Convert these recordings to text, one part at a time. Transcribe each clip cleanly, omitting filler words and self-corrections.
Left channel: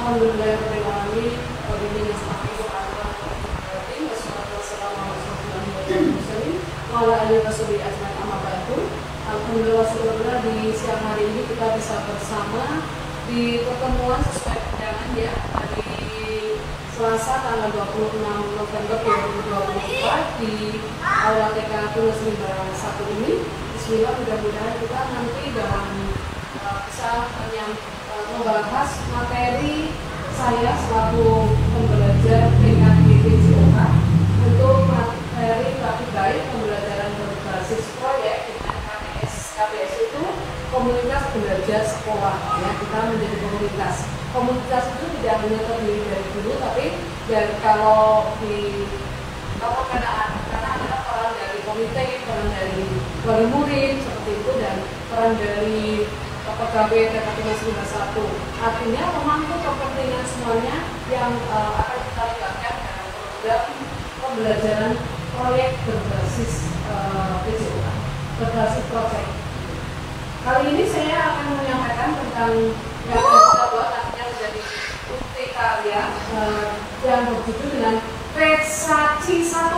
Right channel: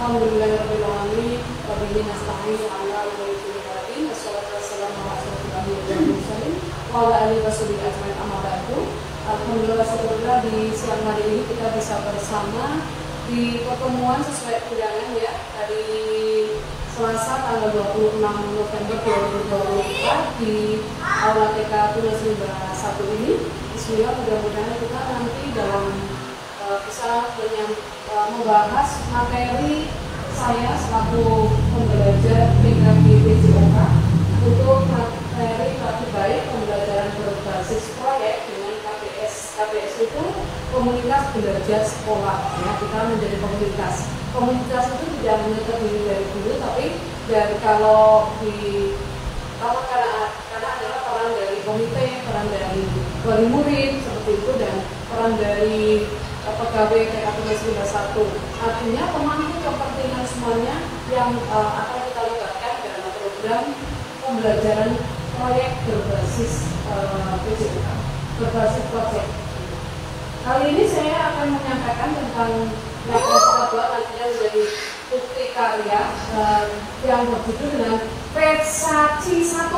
Alhamdulillahirabbil alamin wa bihi nasta'inu ala umuri dunya wassalatu wassalamu ala rasulillah wa ala alihi washabihi ajmain amma ba'du. Alhamdulillah syukurlah di siang hari ini kita bisa bersama di pertemuan sesuai undangan ya hari Selasa tanggal 26 November 2024 di Aula TK Tunas Limba 1 ini. Bismillah, mudah-mudahan kita nanti dalam bisa membahas materi saya selaku pembelajar tingkat PJOK untuk materi praktik baik pembelajaran berbasis proyek dengan KBS. KBS itu komunitas belajar sekolah ya, kita menjadi komunitas. Komunitas itu tidak hanya terdiri dari guru, tapi kalau karena adalah peran dari komite, peran dari wali murid seperti itu, dan peran dari pegawai TK Tunas Limba 1. Artinya pemangku kepentingan semuanya yang akan kita libatkan dalam program pembelajaran proyek berbasis PJOK, berbasis proyek. Kali ini saya akan menyampaikan tentang yang kita buat nantinya menjadi bukti karya yang berjudul dengan Fesaci 1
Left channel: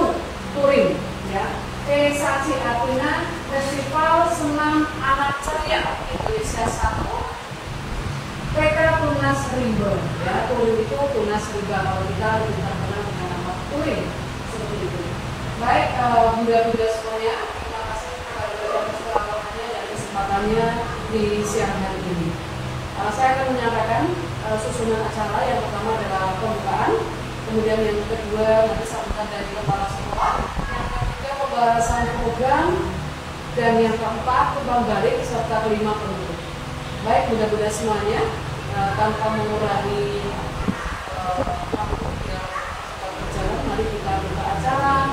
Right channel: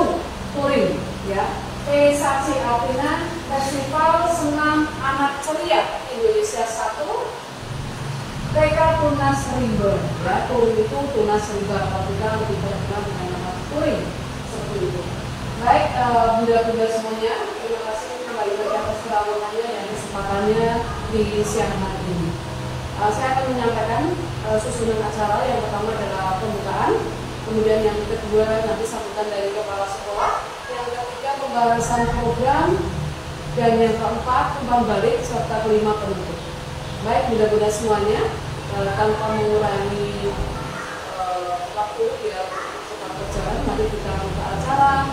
Touring ya. Fesaci artinya Festival Senam Anak Ceria Indonesia 1 TK Tunas Limba ya. Touring itu Tunas Limba, kalau kita lebih terkenal dengan nama Touring seperti itu. Baik, bunda-bunda semuanya, terima kasih kembali atas kerawatannya dan kesempatannya di siang hari ini. Saya akan menyampaikan susunan acara. Yang pertama adalah pembukaan, kemudian yang kedua nanti sambutan dari kepala sekolah, yang ketiga pembahasan program, dan yang keempat tumbang balik serta kelima penutup. Baik, mudah-mudahan semuanya tanpa mengurangi waktu biar cepat berjalan, mari kita buka acara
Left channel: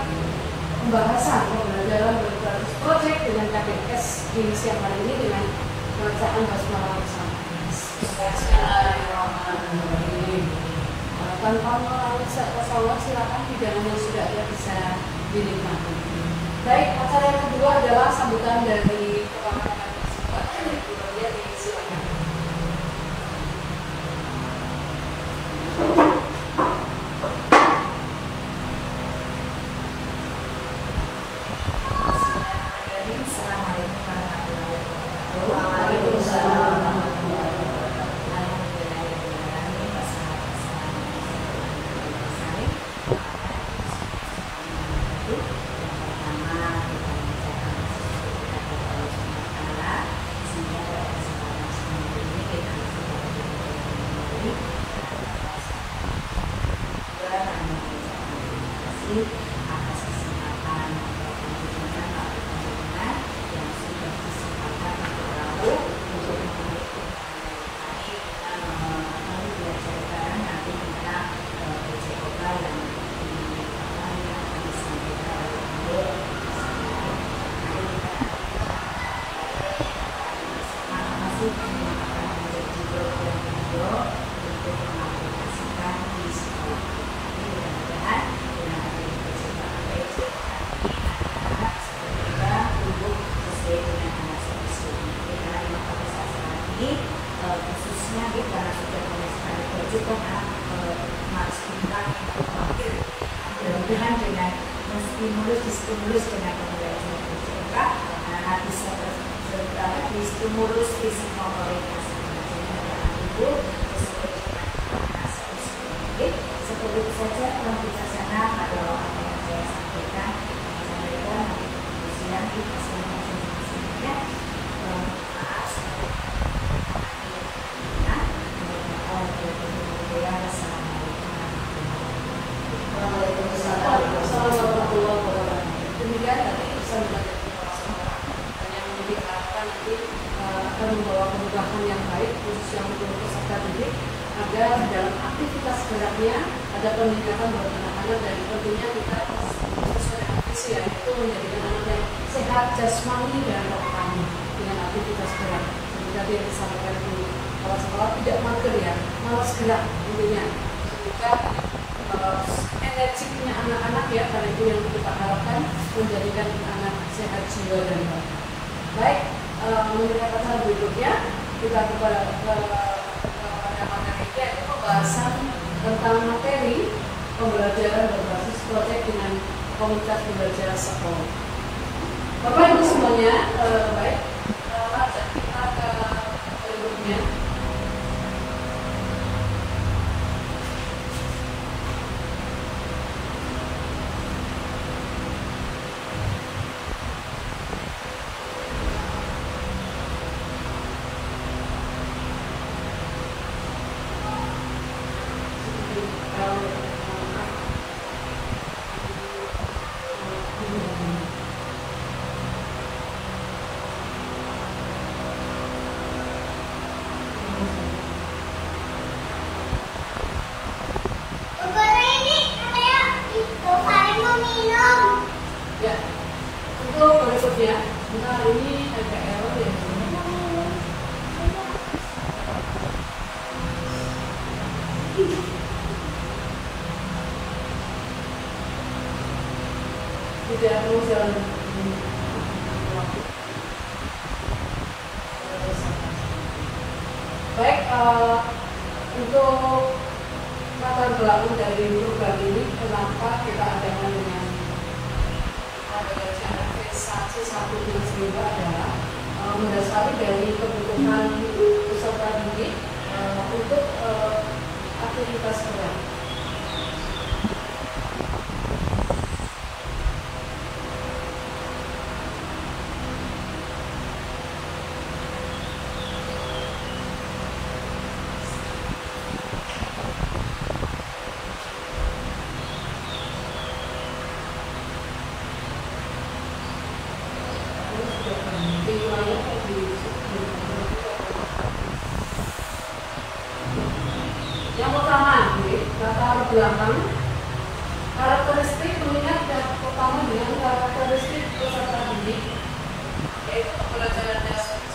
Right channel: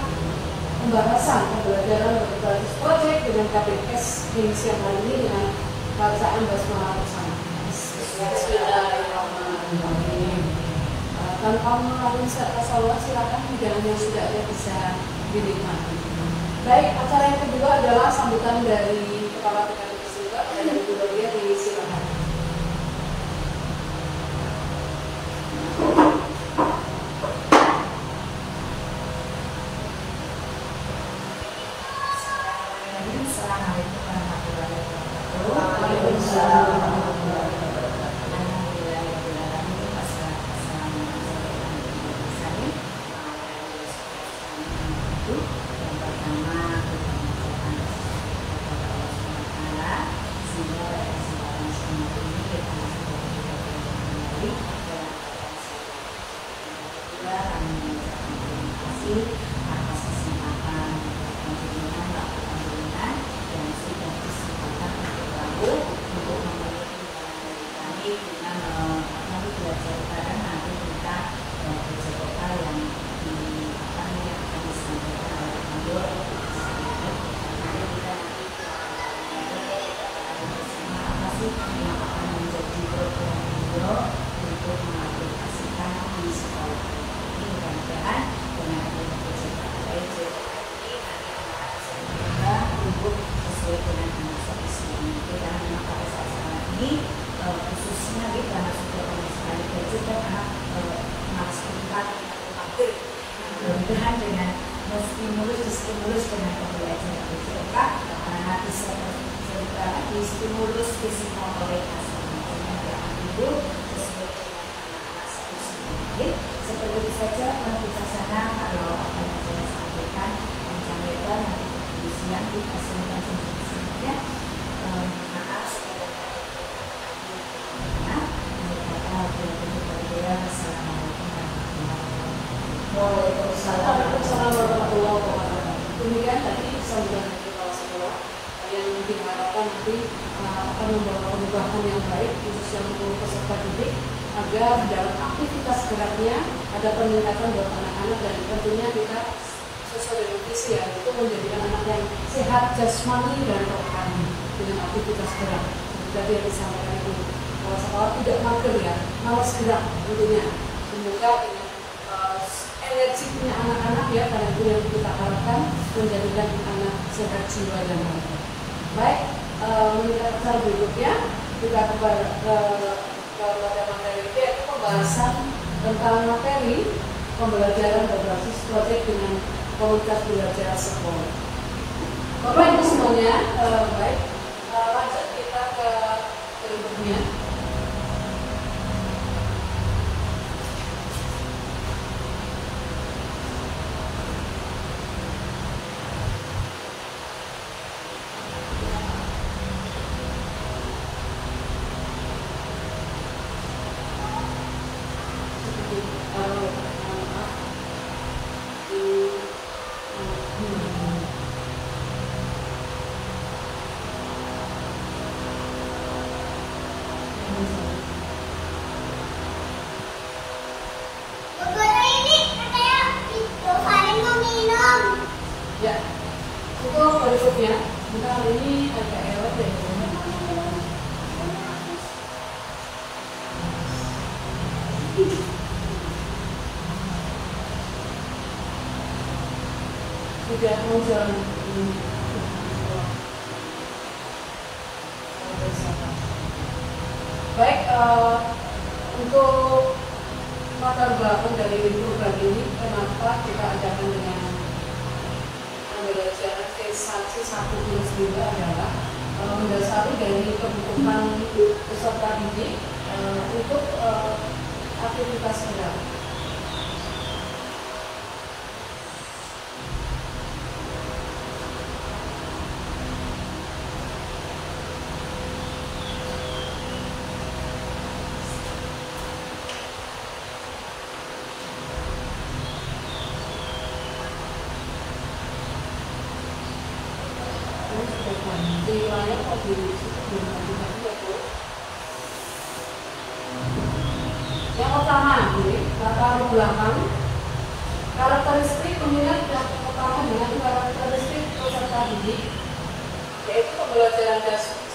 pembahasan pembelajaran berbasis proyek dengan KBS di siang hari ini dengan bacaan basmalah bersama. Bismillahirrahmanirrahim. Tanpa mengurangi tasawuf, silakan hidangan sudah ya bisa dinikmati. Baik, acara yang kedua adalah sambutan dari kepala Departemen dari Bu Rodia, disilakan. Assalamualaikum warahmatullahi wabarakatuh. Waalaikumsalam warahmatullahi wabarakatuh. atas kesempatan kunjungan Pak Kunjungan yang sudah kesempatan untuk memberi undangan dari kami kita belajar bareng nanti kita PJOK yang akan disampaikan oleh Ibu. Mari kita bersama apa sih yang akan menjadi program Ibu untuk mengaplikasikan di sekolah. Ini mudah-mudahan dengan adanya PJOK ini anak-anak segera tumbuh sesuai dengan anak seperti ini. Karena memang pada saat sekarang ini khususnya karena sudah banyak sekali gadget dan anak malas pintar wakil. Mudah-mudahan dengan distimulus dengan pembelajaran PJOK, anak-anak bisa distimulus fisik motorik ibu sesuai dengan anak seperti ini. Seperti itu saja pembicaraan pada apa yang saya sampaikan nanti di siang di kesempatan selanjutnya. Maaf sekali Waalaikumsalam warahmatullahi wabarakatuh. Demikian tadi sambutan dari kepala sekolah yang diharapkan nanti akan membawa perubahan yang baik khususnya untuk peserta didik agar dalam aktivitas geraknya ada peningkatan buat anak-anak, dan tentunya kita sesuai dengan visi yaitu menjadikan anak yang sehat jasmani dan rohani dengan aktivitas gerak. Jadi yang disampaikan itu kepala sekolah tidak mager ya, malas gerak tentunya. Semoga energi punya anak-anak ya, karena itu yang kita harapkan menjadikan anak sehat jiwa dan raga. Baik, menurut acara berikutnya kita kepada materi yaitu pembahasan tentang materi pembelajaran berbasis proyek dengan komunitas belajar sekolah. Bapak Ibu semuanya, baik, lanjut kita ke berikutnya. Ya, untuk berikutnya, kita hari ini agak error ya. Tidak mau jalan. Baik, untuk latar belakang dari program ini, kenapa kita adakan dengan pembelajaran C1 adalah mendasari dari kebutuhan peserta didik untuk aktivitas gerak. Yang pertama, latar belakang karakteristik mengingat yang pertama dengan karakteristik peserta didik, yaitu pembelajaran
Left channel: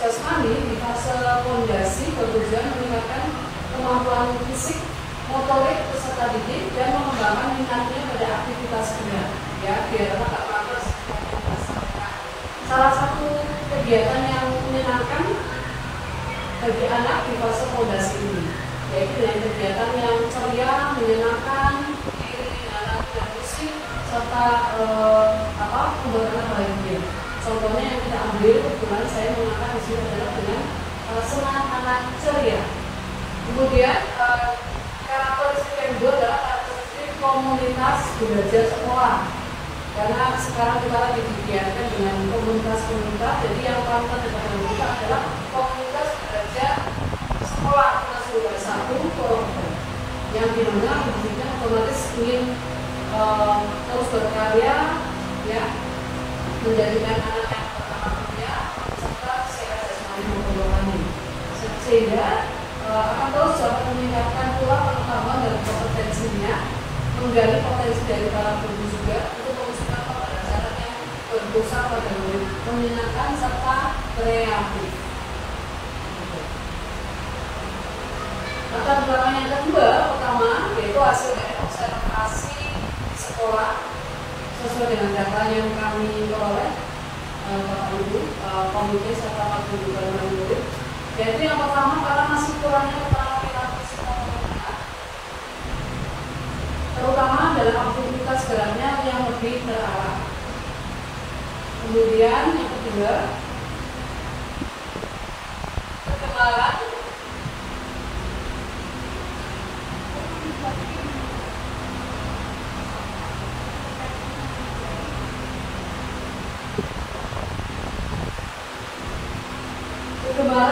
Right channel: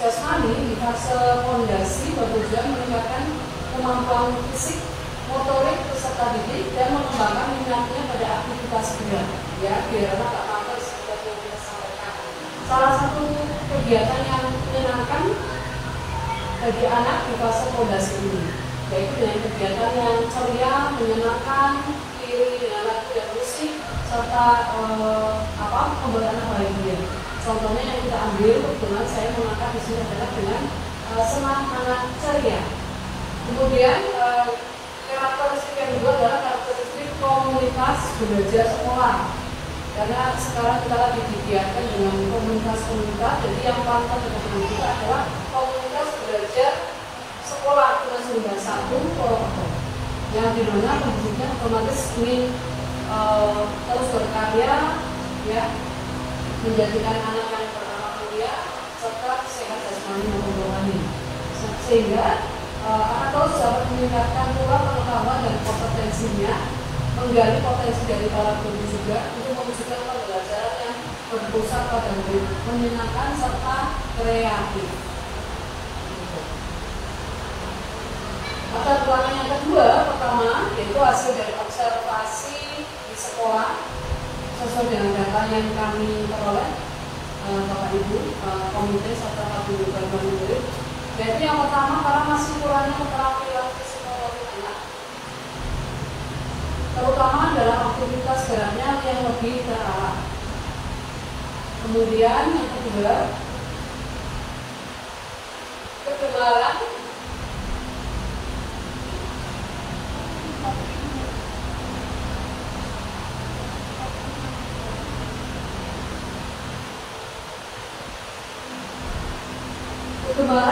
jasmani di fase fondasi bertujuan meningkatkan kemampuan fisik, motorik peserta didik dan mengembangkan minatnya pada aktivitas gerak. Ya, biar tak malas aktivitas mereka. Salah satu kegiatan yang menyenangkan bagi anak di fase fondasi ini, yaitu dengan kegiatan yang ceria, menyenangkan, diiringi dengan lagu dan musik, serta pembuatan bahagia. Contohnya yang kita ambil, kebetulan saya mengangkat di sini adalah dengan semangat anak ceria. Kemudian karakteristik yang kedua adalah karakteristik komunitas belajar sekolah. Karena sekarang kita lagi digiatkan dengan komunitas-komunitas, jadi yang paling penting kita adalah komunitas belajar sekolah kelas 1 yang dimana pendidikan otomatis ingin terus berkarya, ya, menjadikan anak yang beramal mulia serta sehat jasmani maupun rohani, sehingga akan terus dapat meningkatkan pula pengetahuan dan kompetensinya, menggali potensi dari para guru juga untuk mewujudkan pembelajaran yang berpusat pada murid, menyenangkan serta kreatif. Latar belakang yang kedua, pertama, yaitu hasil dari observasi di sekolah sesuai dengan data yang kami peroleh, Bapak Ibu, komite serta Pak Guru dan murid. Yaitu yang pertama, karena masih kurangnya keterangan perilaku psikomotor anak, terutama dalam aktivitas geraknya yang lebih terawat. Kemudian yang kedua, kekebalan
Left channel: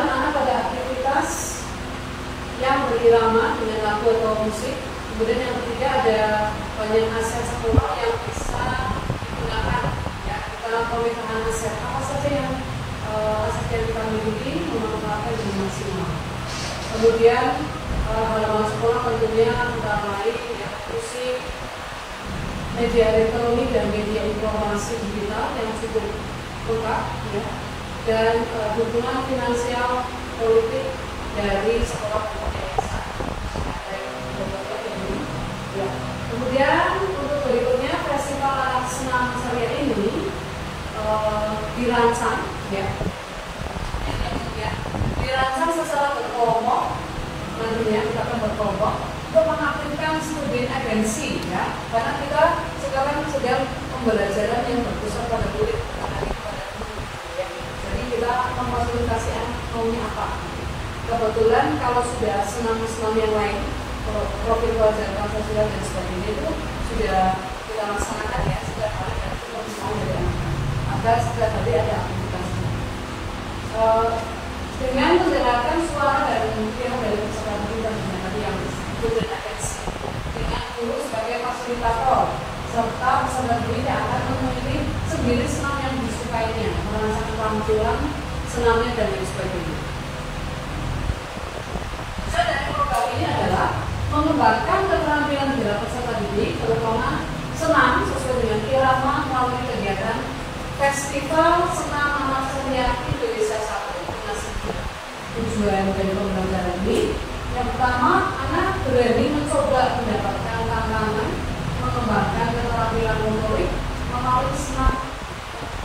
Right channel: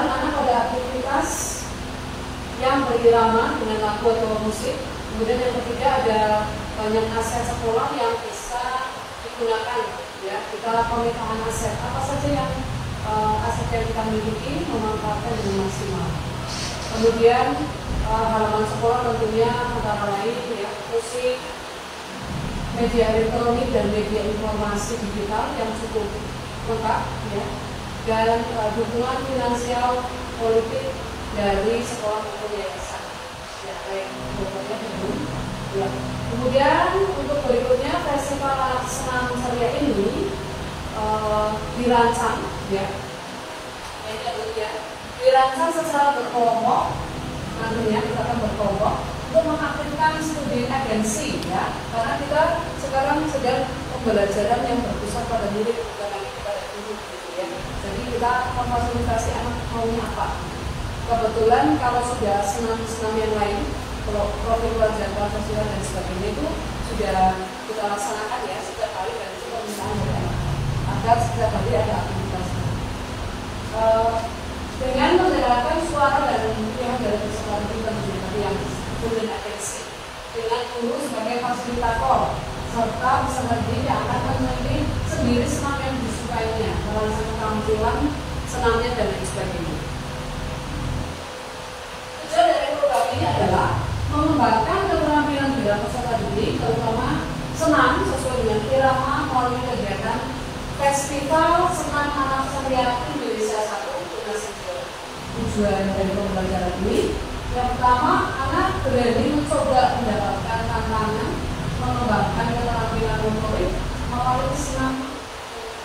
anak pada aktivitas yang berirama dengan lagu atau musik. Kemudian yang ketiga, ada banyak aset sekolah yang bisa digunakan. Ya, kita pemetaan aset apa saja yang aset yang kita miliki memanfaatkan dengan maksimal. Kemudian halaman sekolah tentunya antara lain ya, musik, media elektronik dan media informasi digital yang cukup lengkap, ya, dan dukungan finansial politik dari sekolah atau yayasan. Ya. Kemudian untuk berikutnya, festival anak senam ceria ini dirancang, ya, dirancang secara berkelompok. Nantinya kita akan berkelompok pembelajaran yang berpusat pada murid bukan lagi pada guru gitu ya. Jadi kita memfasilitasi anak maunya apa. Kebetulan kalau sudah senam-senam yang lain, kalau profil wajah Pancasila dan sebagainya itu sudah kita laksanakan ya setiap hari dan itu permintaan dari anak. Maka setiap hari ada aktivitasnya. Dengan mendengarkan suara dan yang dari peserta didik dan tadi yang disebut atensi, dengan guru sebagai fasilitator serta peserta didik yang akan memilih sendiri senam yang disukainya, merancang tampilan senamnya dan sebagainya. Tujuan dari program ini adalah mengembangkan keterampilan bela peserta didik, terutama senam sesuai dengan irama melalui kegiatan Festival Senam Anak Ceria Indonesia 1 dengan sebuah tujuan dari pembelajaran ini. Yang pertama, anak berani mencoba mendapatkan tantangan, mengembangkan keterampilan motorik melalui senam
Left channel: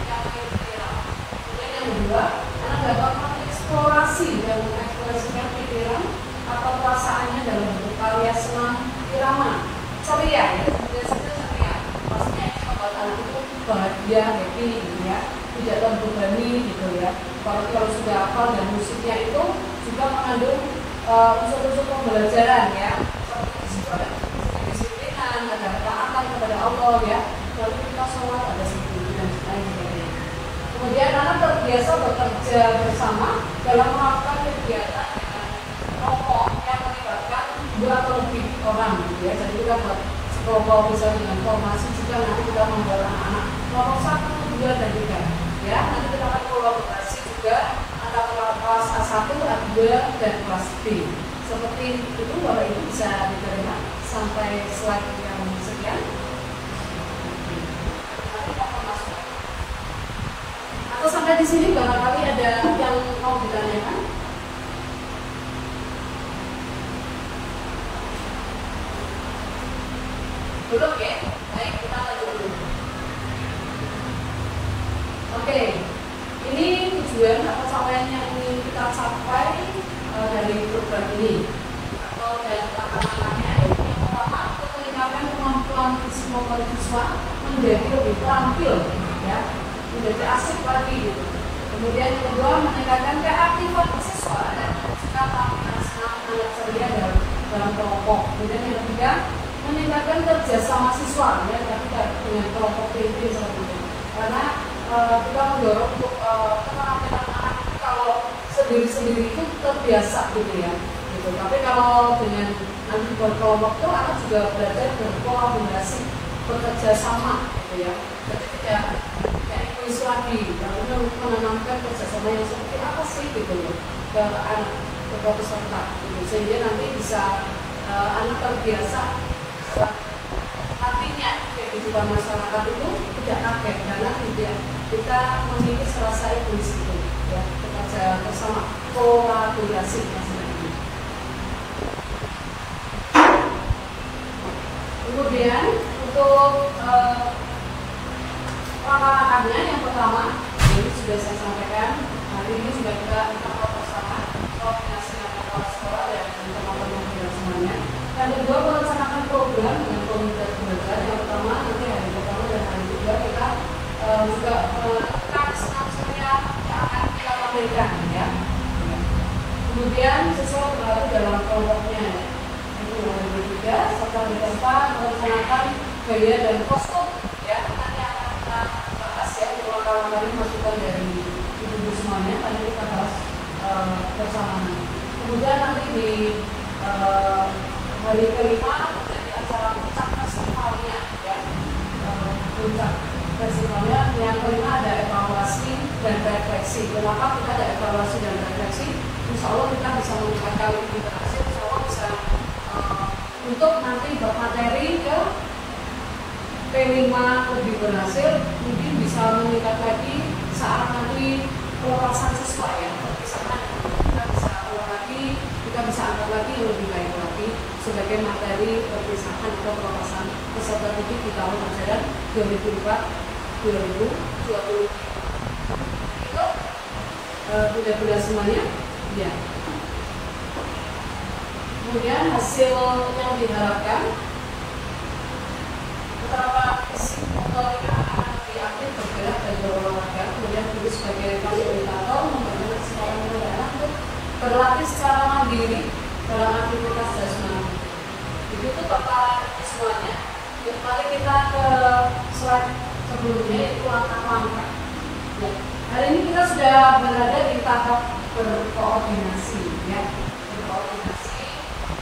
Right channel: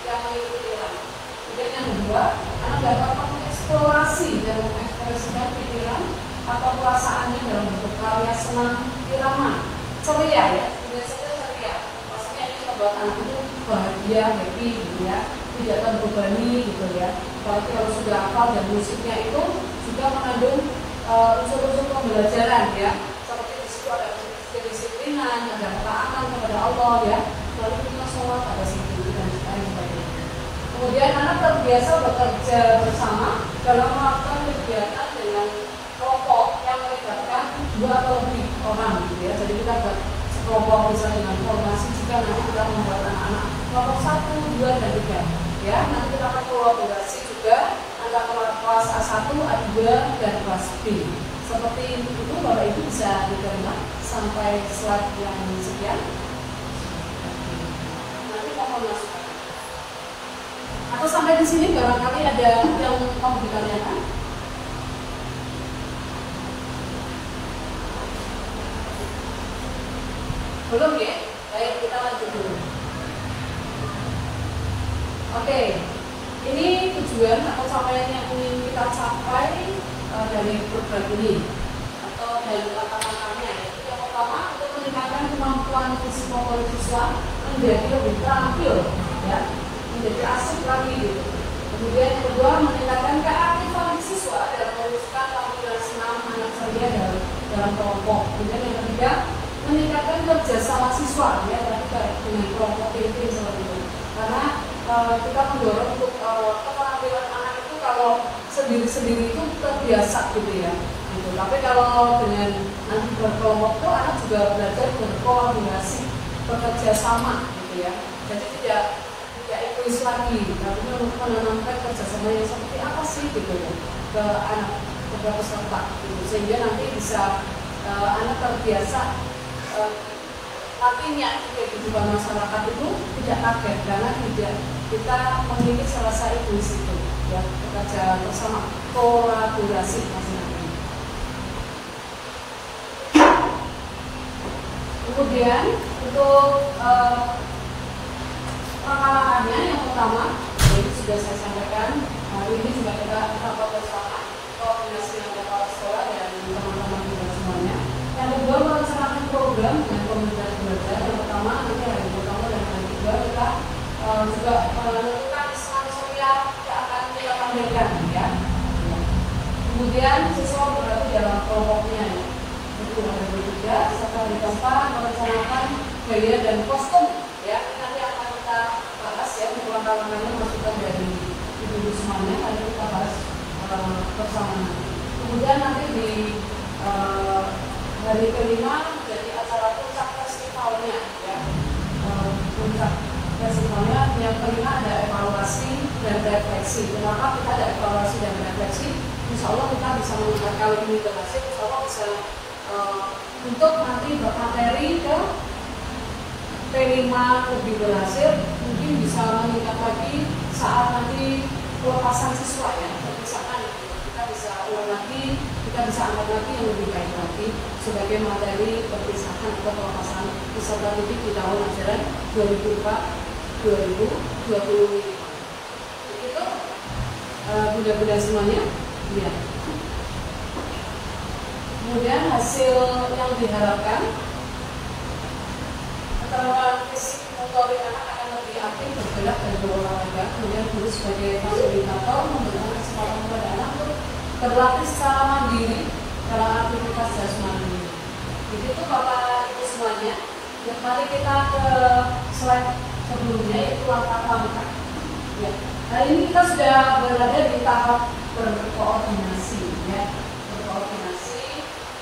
yang irama. Kemudian yang kedua, anak dapat mengeksplorasi dan mengekspresikan pikiran atau perasaannya dalam bentuk karya senam irama ceria ya, biasanya ceria. Pastinya ini membuat anak itu bahagia, happy gitu ya, tidak terbebani gitu ya. Kalau sudah hafal dan musiknya itu juga mengandung unsur-unsur pembelajaran ya, seperti di situ ada kedisiplinan, ada ketaatan kepada Allah ya, lalu kita sholat ada situ dan sebagainya. Kemudian anak terbiasa bekerja bersama dalam melakukan kegiatan dengan kelompok yang melibatkan 2 atau lebih orang gitu ya. Jadi kita buat sekelompok bisa dengan formasi juga nanti kita membuat anak-anak kelompok 1, 2, dan 3 ya. Nanti kita akan kolaborasi juga antara kelas A1, A2, dan kelas B. Seperti itu Bapak Ibu bisa diterima sampai slide yang sekian. Nanti mohon masukan. Atau sampai di sini barangkali ada yang mau ditanyakan. Belum ya? Baik, kita lanjut dulu. Oke, ini tujuan atau capaian yang ingin kita capai dari program ini atau dari langkah-langkahnya. Yang pertama, untuk meningkatkan kemampuan psikomotorik siswa menjadi lebih terampil, ya, menjadi asik lagi. Gitu. Kemudian yang kedua, meningkatkan keaktifan siswa dan mewujudkan tampilan senam anak ceria dalam kelompok. Kemudian yang ketiga, meningkatkan kerjasama siswa ya terkait dengan kelompok PT seperti itu. Karena kita mendorong untuk keterampilan anak itu kalau sendiri-sendiri itu terbiasa gitu ya. Gitu. Tapi kalau dengan nanti berkelompok itu anak juga belajar berkolaborasi, bekerja sama gitu ya. Jadi tidak egois lagi, tapi menanamkan kerjasama yang seperti apa sih gitu ya ke anak, ke peserta gitu. Sehingga nanti bisa anak terbiasa artinya kehidupan masyarakat itu tidak kaget karena tidak kita memiliki rasa egois itu ya, bekerja bersama, kolaborasi masing-masing. Kemudian untuk langkah-langkahnya yang pertama ini sudah saya sampaikan, ini juga kita bersama koordinasi dengan kepala sekolah dan teman-teman dan semuanya. Yang kedua, melaksanakan program dengan komunitas belajar. Yang pertama, itu hari pertama dan hari kedua kita juga melakukan senam ceria yang akan kita tampilkan ya. Kemudian sesuai berlaku dalam kelompoknya. Itu yang ketiga, serta di tempat melaksanakan gaya dan kostum ya. Nanti akan kita bahas ya, untuk langkah-langkahnya masukan dari ibu-ibu semuanya. Nanti kita bahas bersama. Kemudian nanti di hari kelima menjadi acara puncak festivalnya ya, puncak festivalnya. Yang kelima ada evaluasi dan refleksi. Kenapa kita ada evaluasi dan refleksi? Insya Allah kita bisa melakukan kali ini berhasil. Insya Allah bisa untuk nanti bermateri ke T5 lebih berhasil, mungkin bisa meningkat lagi saat nanti pelepasan siswa ya, perpisahan. Kita bisa ulang lagi, kita bisa angkat lagi yang lebih baik lagi sebagai materi perpisahan atau pelepasan peserta didik di tahun ajaran 2004-2020. Itu bunda-bunda semuanya ya. Kemudian hasil yang diharapkan antara fisik, motorik anak-anak lebih aktif bergerak dan berolahraga. Kemudian guru sebagai fasilitator memberikan kesempatan kepada anak untuk berlatih secara mandiri dalam aktivitas jasmani. Begitu Bapak Ibu semuanya. Mari kita ke slide sebelumnya, yaitu langkah-langkah. Ya. Hari ini kita sudah berada di tahap berkoordinasi, ya, berkoordinasi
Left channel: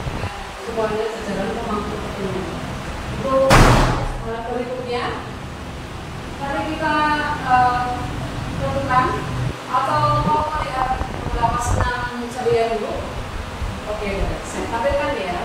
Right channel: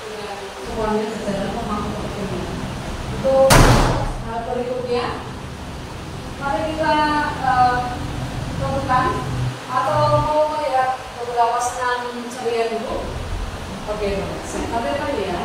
dengan semuanya jajaran pemangku kepentingan. Untuk berikutnya, mari kita lakukan atau mau melihat beberapa senam ceria dulu. Oke, saya tampilkan ya.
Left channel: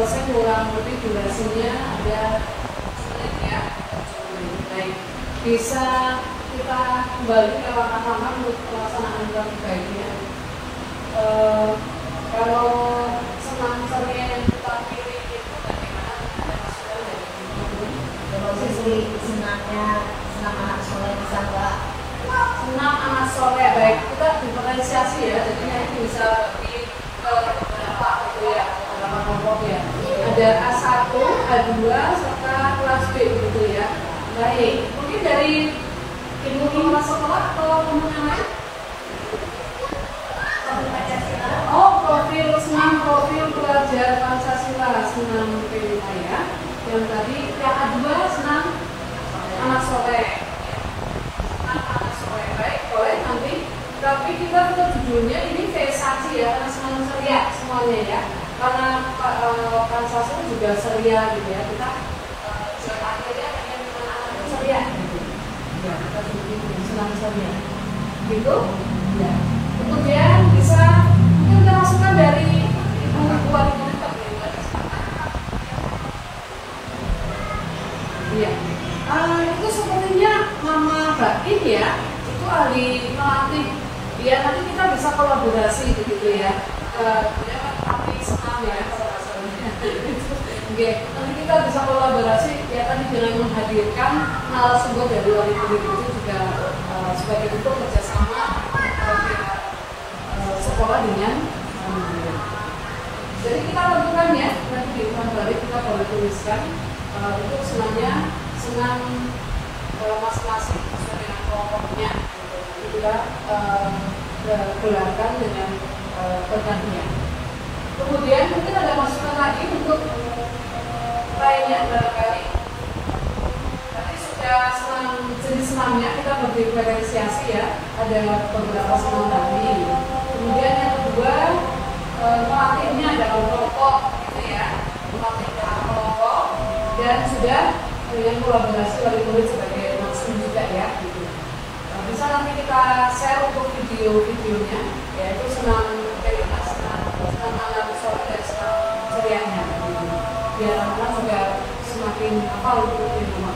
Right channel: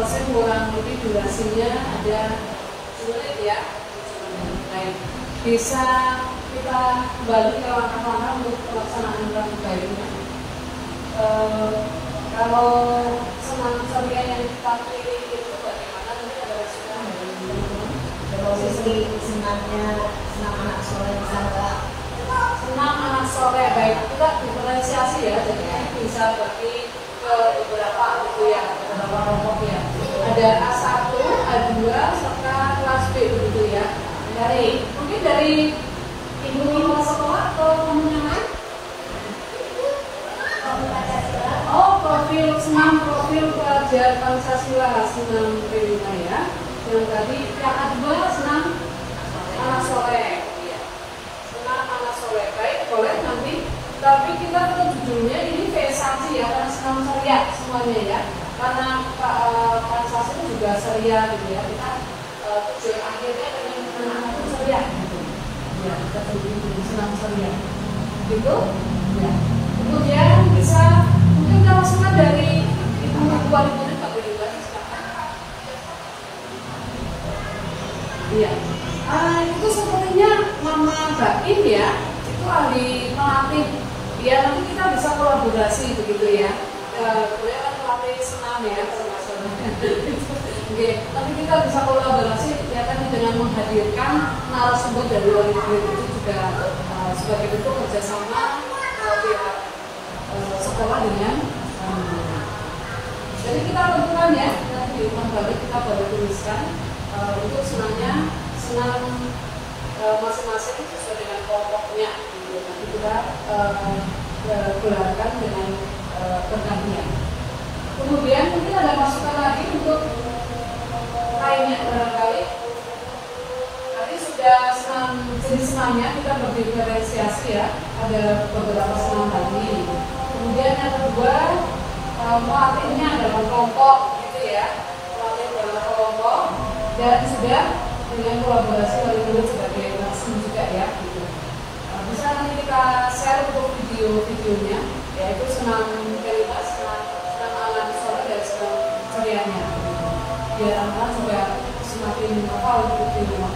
selesai kurang lebih durasinya ada 7 menit ya. Baik, bisa kita kembali ke langkah-langkah untuk pelaksanaan lebih baiknya. Kalau senam ceria yang kita pilih itu bagaimana? Kita ada masukan dari teman-teman. Kalau sisi senam anak sore bisa nggak? Senam anak sore, baik, kita diferensiasi ya, jadi ini bisa bagi ke beberapa gitu ya, beberapa kelompok ya. Ada A1, A2, serta kelas B gitu ya. Baik, mungkin dari ibu kelas sekolah atau teman yang lain? Oh, senam profil pelajar Pancasila, senam P5 ya. Yang tadi yang A2 senam anak sore. Anak sore, baik, boleh nanti. Tapi kita tetap judulnya ini VSAC ya, karena senam ceria semuanya ya. Karena Pancasila juga ceria gitu ya. Kita tujuan akhirnya dengan anak-anak itu ceria gitu. Ya, kita judulnya senam ceria. Gitu, ya. Kemudian bisa mungkin kita masukkan dari buat ini Pak Dewa. Iya. Itu sepertinya Mama Baim ya, itu ahli melatih. Ya nanti kita bisa kolaborasi begitu ya. Boleh kan melatih senam ya kalau misalnya. Oke, nanti kita bisa kolaborasi ya tadi dengan menghadirkan narasumber dari wali murid itu juga sebagai bentuk kerjasama sekolah dengan jadi kita tentukan ya nanti di ulang balik kita baru tuliskan untuk senamnya senam masing-masing sesuai dengan kelompoknya. Jadi kita gelarkan dengan pergantian. Kemudian mungkin ada masukan lagi untuk lainnya barangkali. Tadi sudah senam jenis senamnya kita berdiferensiasi ya. Ada beberapa senam tadi. Kemudian yang kedua melatihnya dalam kelompok gitu ya. Melatih dalam kelompok dan sudah dengan kolaborasi wali murid sebagai langsung juga ya gitu. Bisa nanti kita share untuk videonya yaitu senam P5, senam anak sore dan senam cerianya gitu. Biar anak-anak juga semakin hafal untuk di rumah.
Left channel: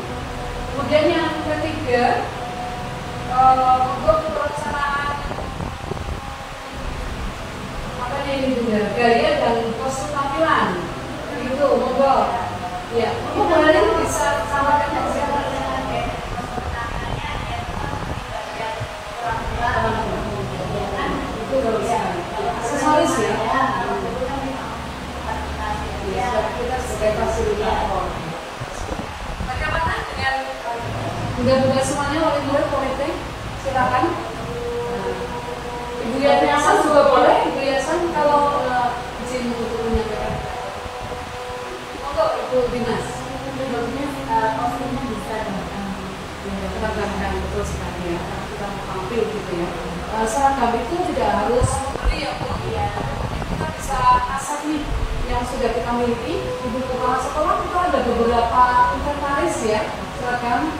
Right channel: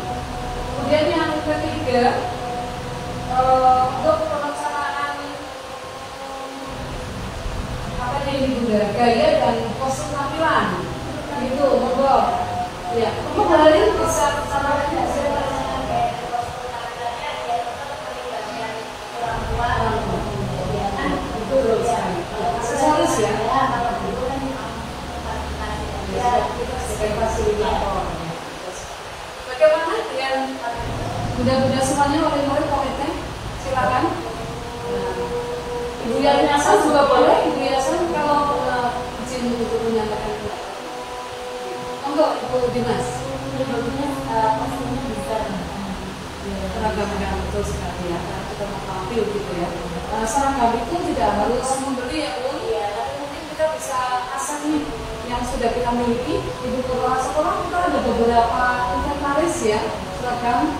Kemudian yang ketiga untuk pelaksanaan apa ini juga gaya dan pose tampilan gitu, monggo. Ya, kembali bisa sampaikan siapa itu bisa aksesoris ya. Kita sebagai fasilitator. Bagaimana dengan bunda-bunda semuanya wali murid komite? Silakan. Ibu Yayasan juga boleh. Ibu Yayasan kalau izin untuk menyampaikan. Monggo Ibu Dimas. Kostumnya bisa Seragam betul sekali ya. Kita mau tampil gitu ya. Seragam itu tidak harus membeli ya Bu. Iya. Tapi mungkin kita bisa asal nih yang sudah kita miliki di beberapa sekolah kita ada beberapa inventaris ya seragam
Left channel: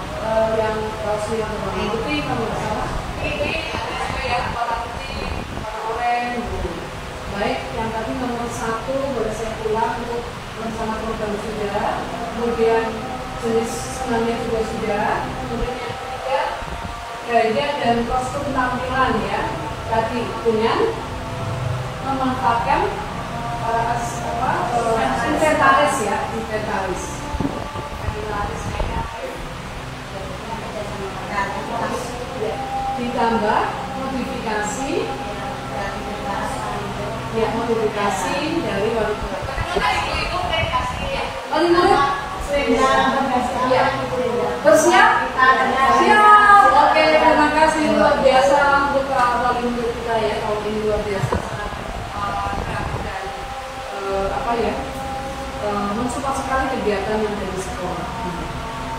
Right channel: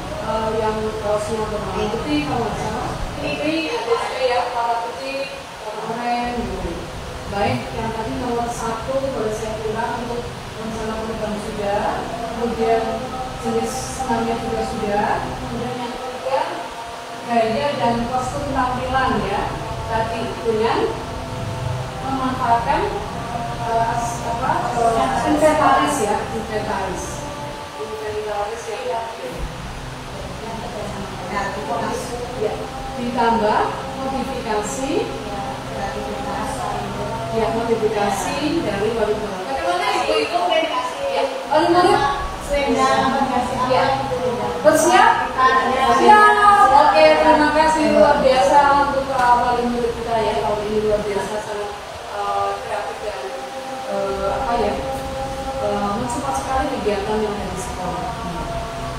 yang kaosnya berwarna putih kalau nggak salah ini ada ya warna putih warna oranye gitu. Baik yang tadi nomor 1 boleh saya ulang untuk rencana program sudah, kemudian jenis senamnya juga sudah, kemudian yang ketiga gaya dan kostum tampilan ya tadi dengan memanfaatkan inventaris ya, inventaris ya. Ditambah modifikasi ya, modifikasi dari wali murid. Bagaimana ibu wali murid? Ya, bersiap? Siap. Oke, terima kasih luar biasa untuk wali murid kita ya. Kalau ini luar biasa sangat kreatif dan apa ya, mensupport sekali kegiatan yang ada di sekolah.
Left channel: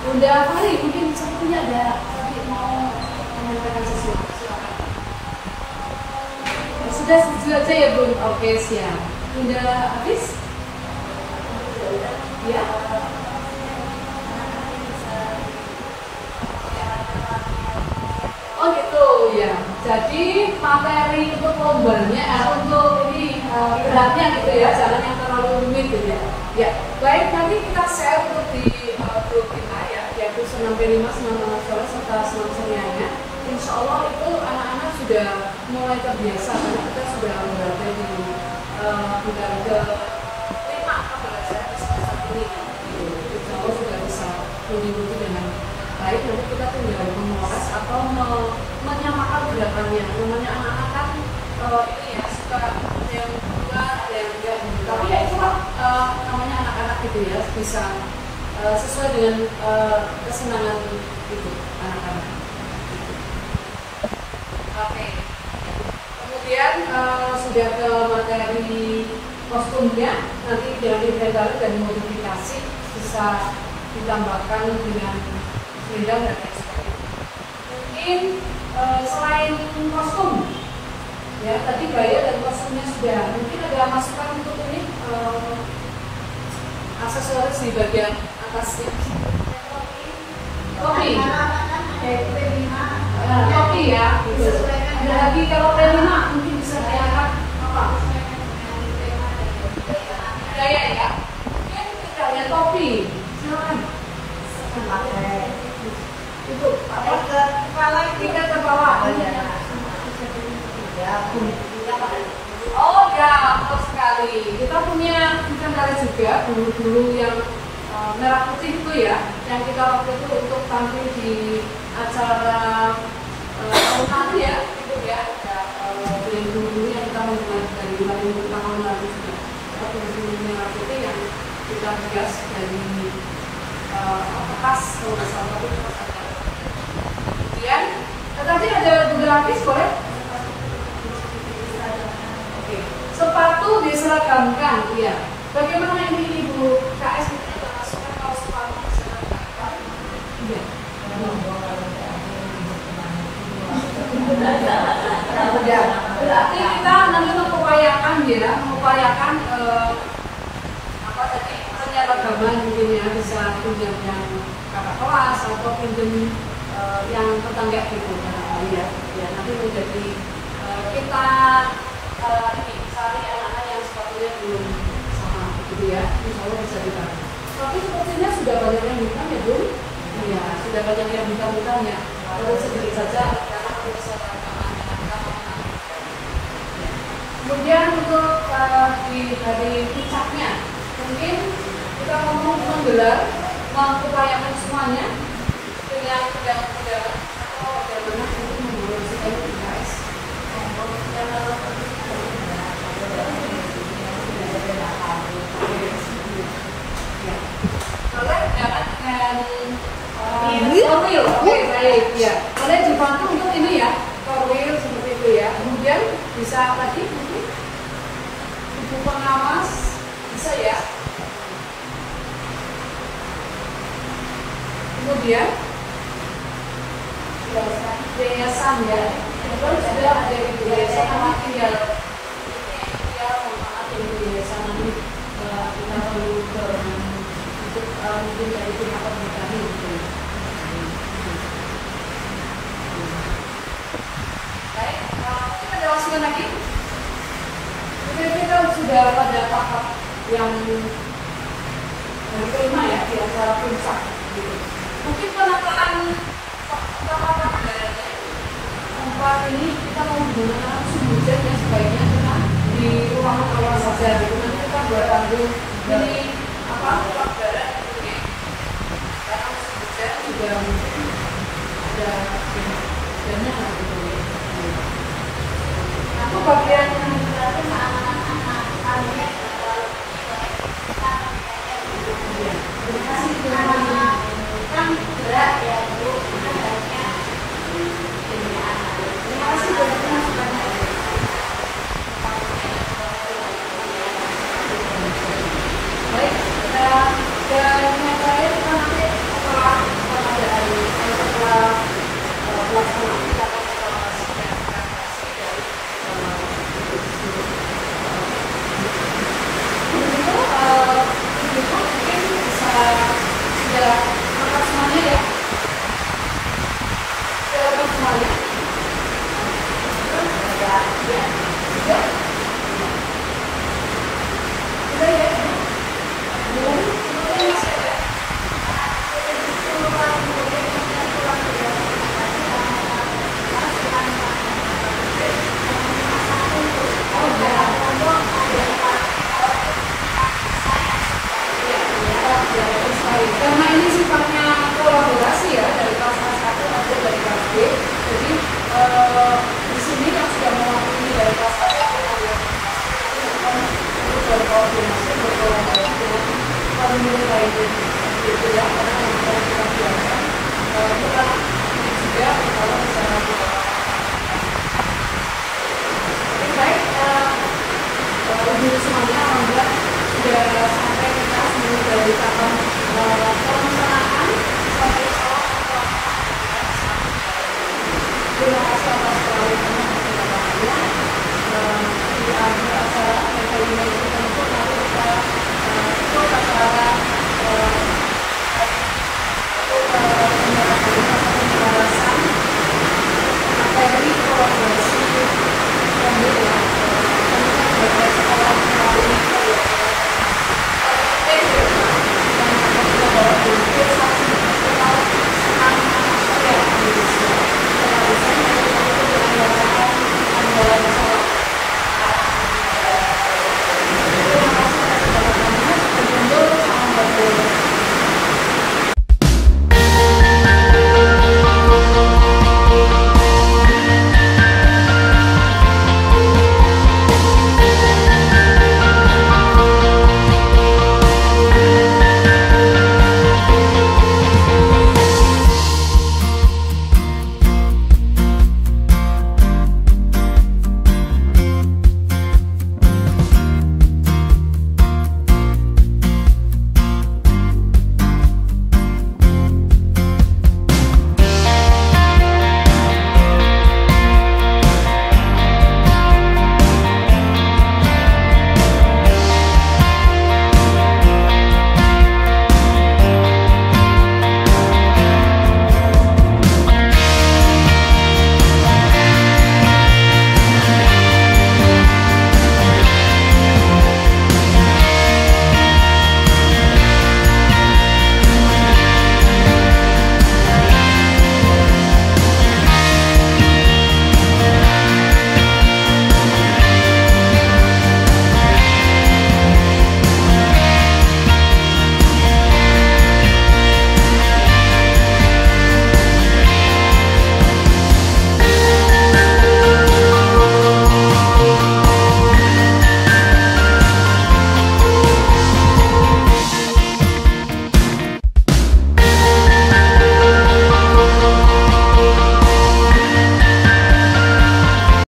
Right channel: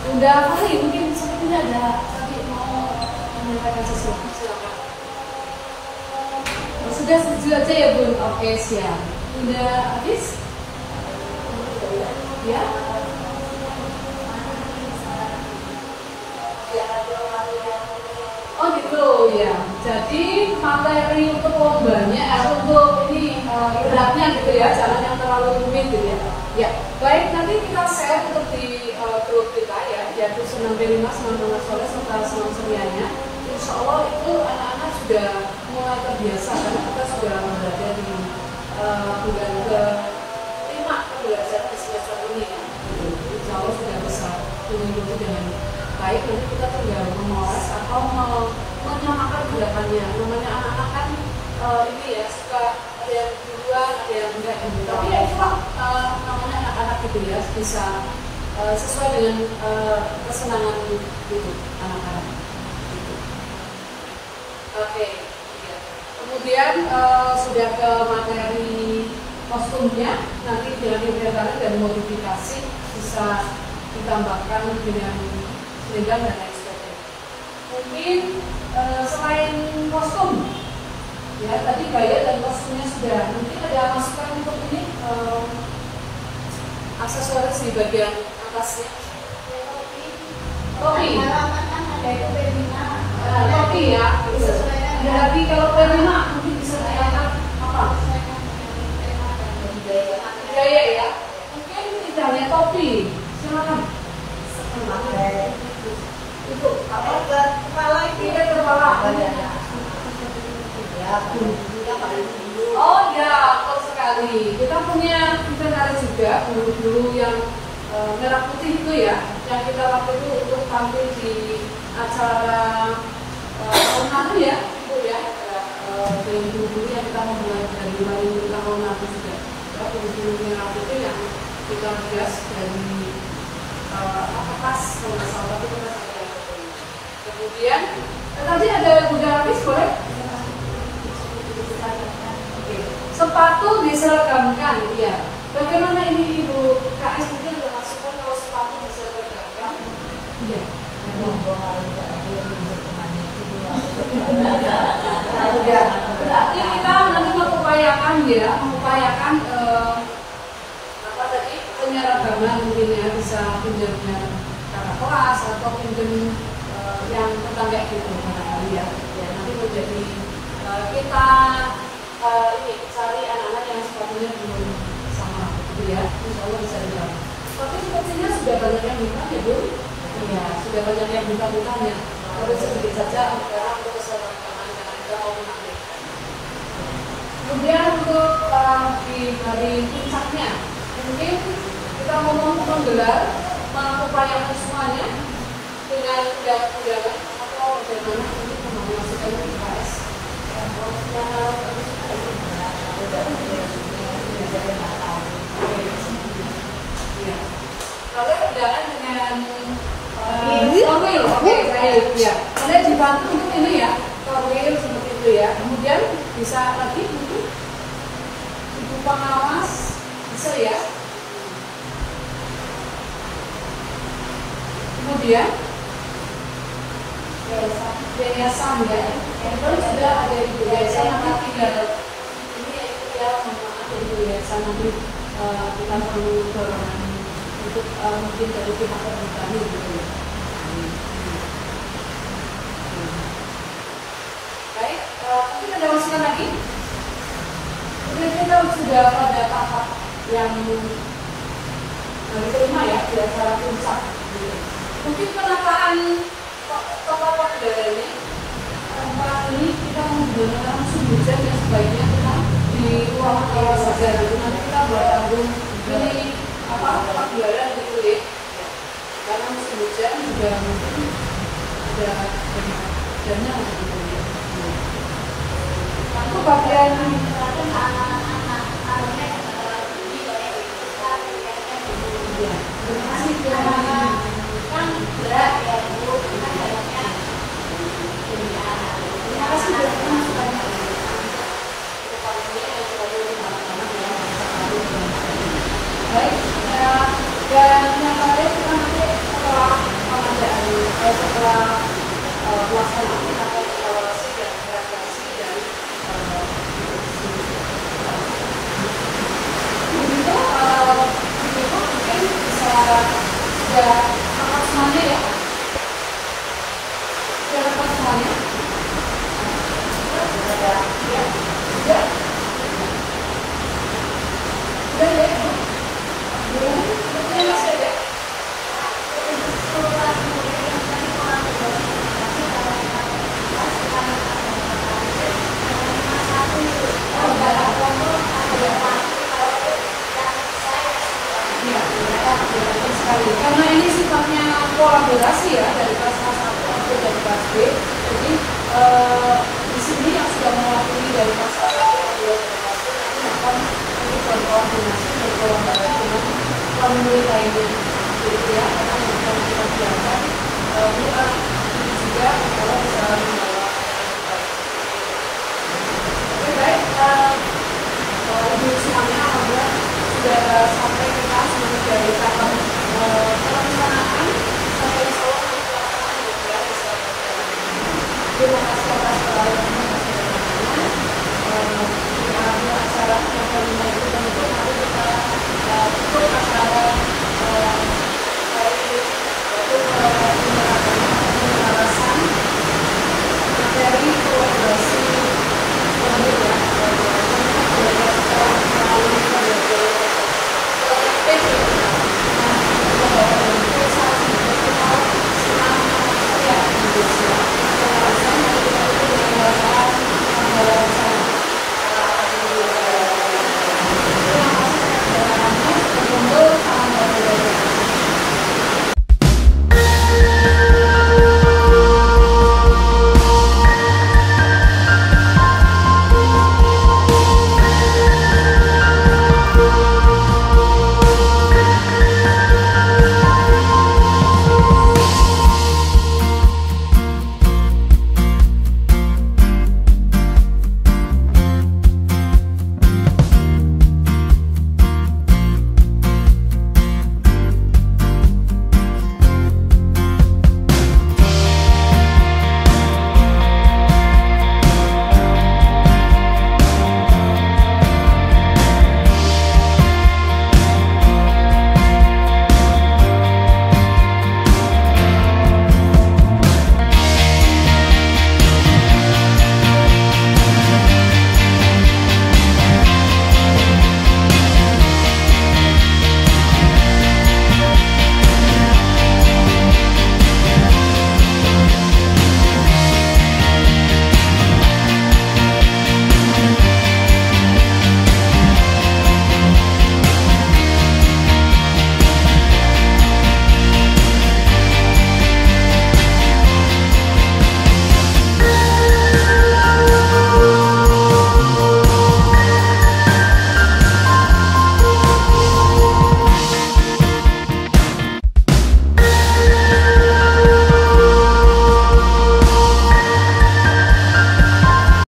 Bunda Fahri mungkin sepertinya ada tadi mau menyampaikan sesuatu, silakan. Sudah setuju aja ya Bun? Oke siap. Bunda habis? Ya. Oh gitu ya. Jadi materi untuk lombanya, untuk ini beratnya gitu ya, jangan yang terlalu rumit gitu ya. Ya, baik, nanti kita share untuk di grup kita ya, yaitu senam B5, senam nasional serta senam serianya. Insya Allah itu anak-anak sudah mulai terbiasa karena kita sudah berada di bulan ke-5 kan belajar di semester ini. Insya Allah sudah bisa mengikuti dengan baik. Nanti kita tinggal memoles atau menyamakan gerakannya. Namanya anak-anak kan ini ya suka ada yang berdua, ada yang enggak. Tapi ya itu namanya anak-anak gitu ya, bisa sesuai dengan kesenangan itu anak-anak. Oke. Ya. Kemudian sudah ke materi kostumnya, nanti dengan inventaris dan modifikasi bisa ditambahkan dengan selendang dan lain sebagainya. Mungkin selain kostum, ya tadi gaya dan kostumnya sudah. Mungkin ada masukan untuk ini aksesoris di bagian atasnya. Topi. Topi ya. Jadi kalau P5 mungkin bisa diangkat apa? Gaya ya. Mungkin tidak hanya topi. Silakan. Itu apa? Kepala kita kepala. Oh ya, betul sekali. Kita punya inventaris juga guru-guru yang merah putih itu ya, yang kita waktu itu untuk tampil di acara tahun lalu ya, itu ya, dengan guru-guru yang kita memulai dari tahun lalu juga. Ya, guru-guru merah putih yang kita hias dari kertas, kalau nggak salah tapi kertas ada. Kemudian, tadi ada juga lapis boleh? Sepatu diseragamkan, ya. Bagaimana ini Ibu KS mungkin ada masukan kalau sepatu diseragamkan? Iya. Berarti kita nanti mengupayakan ya, apa tadi penyeragaman intinya bisa pinjam yang kakak kelas atau pinjam yang tetangga gitu, ya. Ya nanti menjadi kita ini cari anak-anak yang sepatunya belum sama gitu ya, insya Allah bisa didapat. Tapi sepertinya sudah banyak yang hitam ya Bu? Iya, sudah banyak yang hitam ya. Terus sedikit saja karena untuk kesehatan anak-anak kita mau menang. Kemudian untuk dari puncaknya, mungkin kita ngomong menggelar, mengupayakan semuanya dengan undangan atau bagaimana untuk memasukan UKS. Kalau undangan dengan oke baik ya. Boleh dibantu untuk ini ya, korwil seperti itu ya. Kemudian bisa lagi mungkin ibu pengawas bisa ya. Kemudian yayasan ya. Kalau sudah ada di yayasan nanti tinggal ini ya manfaat dari yayasan nanti kita perlu untuk mungkin dari pihak kami gitu ya. Baik, mungkin ada masukan lagi? Mungkin kita sudah pada tahap yang kelima ya di acara puncak. Mungkin penataan tata negaranya tempat ini kita menggunakan musim hujan ya, sebaiknya kita di ruangan awal saja gitu. Nanti kita buat tanggung ini apa pagelaran gitu ya, karena musim hujan juga mungkin ada hujannya gitu ya. Aku bagian ya, terima kasih kan gerak ya Bu, terima kasih Bu.